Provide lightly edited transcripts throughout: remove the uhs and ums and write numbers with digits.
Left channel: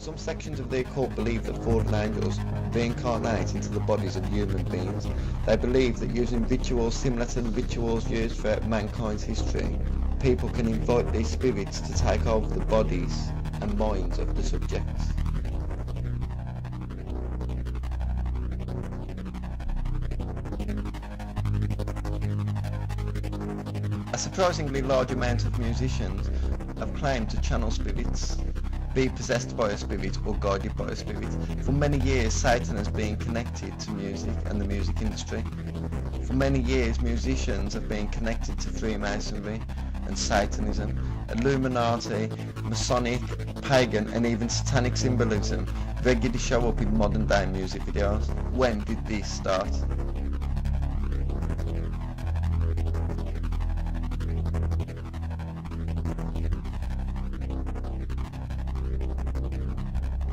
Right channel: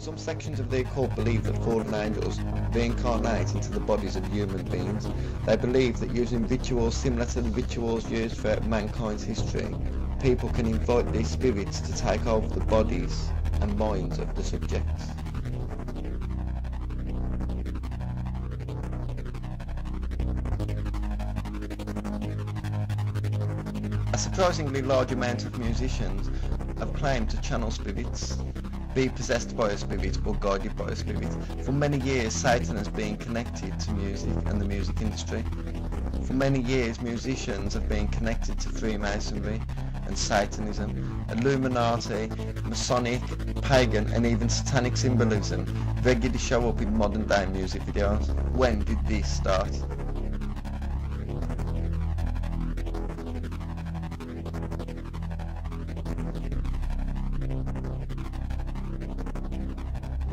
Some sections of the occult believe that fallen angels reincarnate into the bodies of human beings. They believe that using rituals similar to the rituals used throughout mankind's history, people can invite these spirits to take over the bodies and minds of the subjects. A surprisingly large amount of musicians have claimed to channel spirits, be possessed by a spirit or guided by a spirit. For many years, Satan has been connected to music and the music industry. For many years, musicians have been connected to Freemasonry and Satanism, Illuminati, Masonic, pagan and even satanic symbolism regularly show up in modern day music videos. When did this start?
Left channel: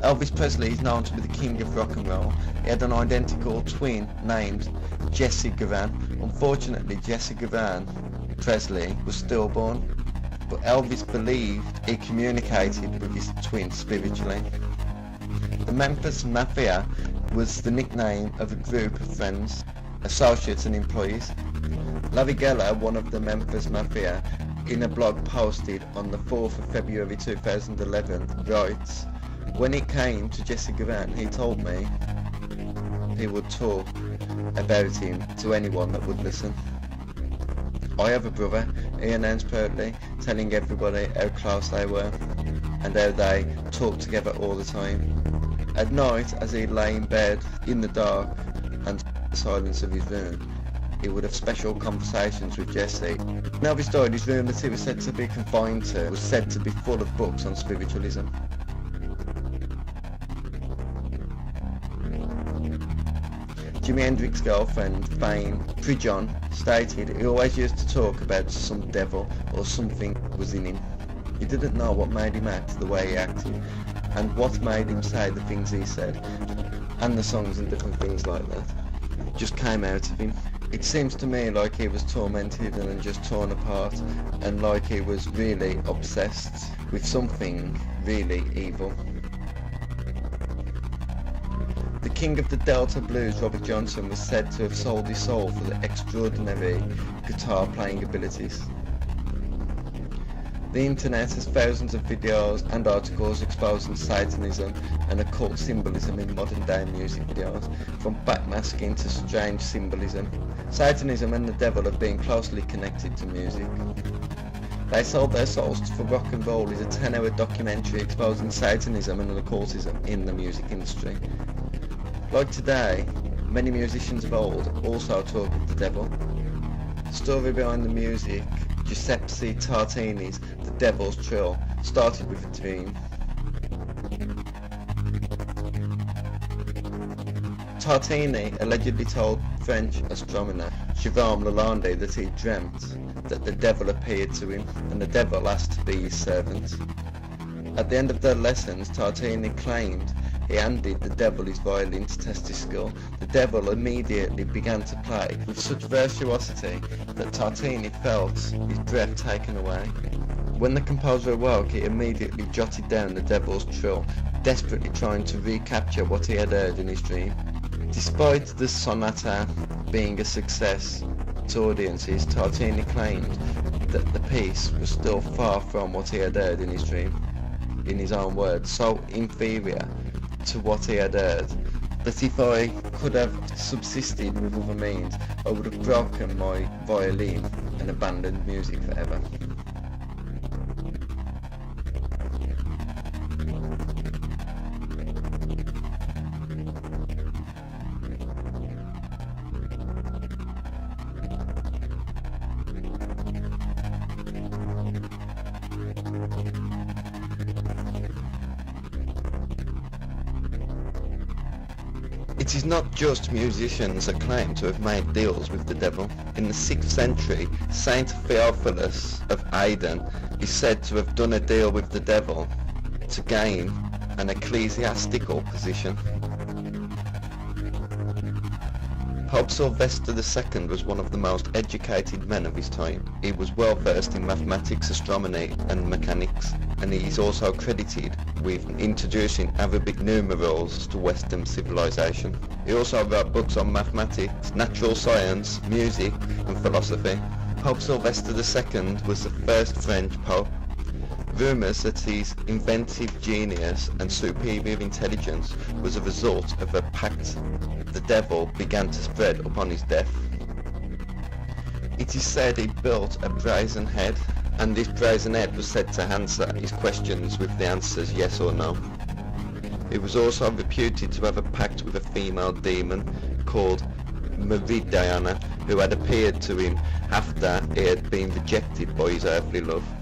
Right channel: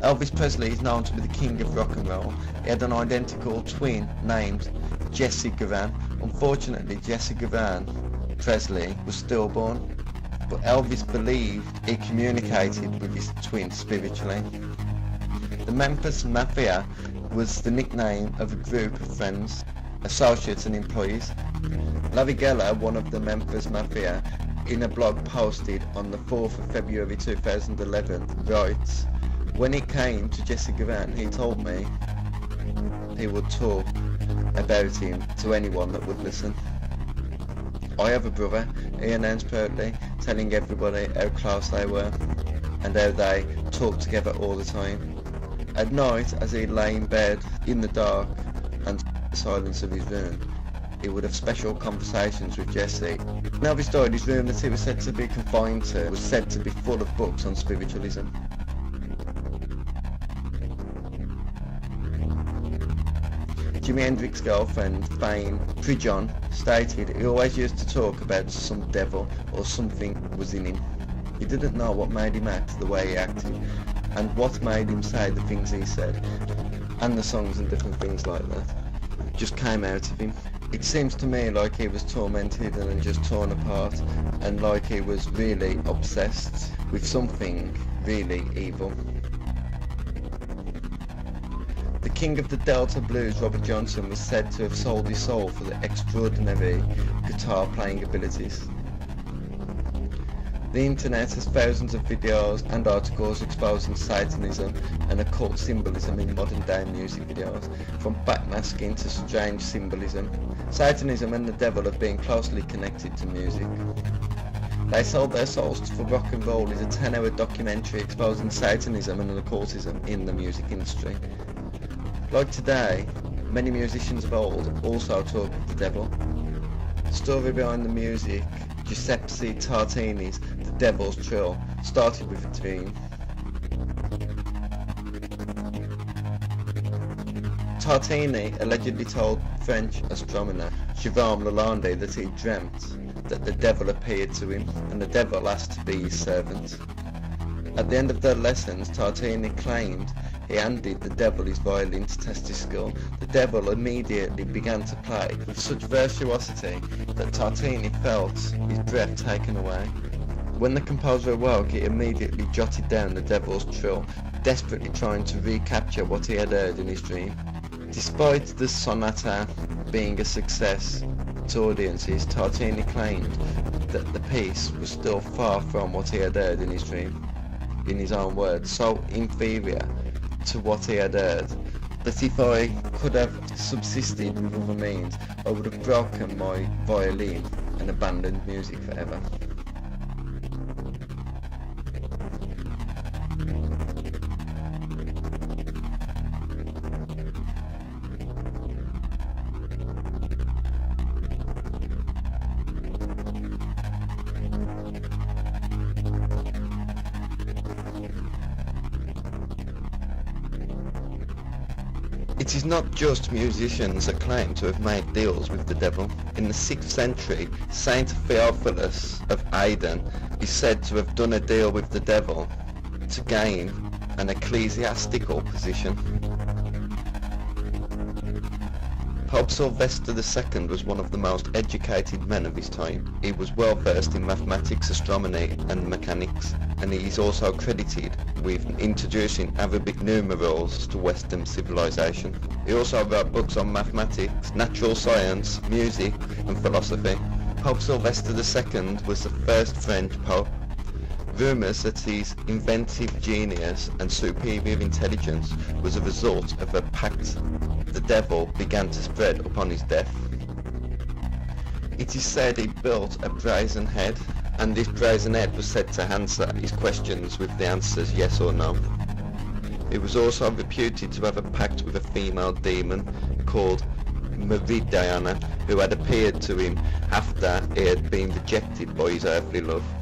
Elvis Presley is known to be the king of rock and roll. He had an identical twin named Jesse Gavan. Unfortunately, Jesse Gavan Presley was stillborn, but Elvis believed he communicated with his twin spiritually. The Memphis Mafia was the nickname of a group of friends, associates and employees. Larry Geller, one of the Memphis Mafia, in a blog posted on the 4th of February 2011, writes, "When it came to Jesse Gavan, he told me he would talk about him to anyone that would listen. I have a brother," he announced proudly, telling everybody how close they were and how they talked together all the time. At night, as he lay in bed in the dark and the silence of his room, he would have special conversations with Jesse. When Elvis died, his room that he was said to be confined to was said to be full of books on spiritualism. Jimi Hendrix's girlfriend, Fane Prijon, stated he always used to talk about some devil or something was in him. He didn't know what made him act the way he acted, and what made him say the things he said, and the songs and different things like that just came out of him. It seems to me like he was tormented and just torn apart, and like he was really obsessed with something really evil. The king of the Delta blues, Robert Johnson, was said to have sold his soul for the extraordinary guitar playing abilities. The internet has thousands of videos and articles exposing Satanism and occult symbolism in modern day music videos, from backmasking to strange symbolism. Satanism and the devil have been closely connected to music. They Sold Their Souls for Rock and Roll is a 10-hour documentary exposing Satanism and occultism in the music industry. Like today, many musicians of old also talk of the devil. The story behind the music, Giuseppe Tartini's The Devil's Trill, started with a dream. Tartini allegedly told French astronomer Jérôme Lalande that he dreamt that the devil appeared to him and the devil asked to be his servant. At the end of their lessons, Tartini claimed he handed the devil his violin to test his skill. The devil immediately began to play with such virtuosity that Tartini felt his breath taken away. When the composer awoke, he immediately jotted down the devil's trill, desperately trying to recapture what he had heard in his dream. Despite the sonata being a success to audiences, Tartini claimed that the piece was still far from what he had heard in his dream. In his own words, so inferior to what he had heard, that if I could have subsisted with other means, I would have broken my violin and abandoned music forever. It is not just musicians that claim to have made deals with the devil. In the 6th century, Saint Theophilus of Aden is said to have done a deal with the devil to gain an ecclesiastical position. Pope Sylvester II was one of the most educated men of his time. He was well versed in mathematics, astronomy and mechanics. and he is also credited with introducing Arabic numerals to Western civilization. He also wrote books on mathematics, natural science, music and philosophy. Pope Sylvester II was the first French pope. Rumours that his inventive genius and superior intelligence was a result of a pact the devil began to spread upon his death. It is said he built a brazen head, and this brazen head was said to answer his questions with the answers yes or no. He was also reputed to have a pact with a female demon called Meridiana, who had appeared to him after he had been rejected by his earthly love.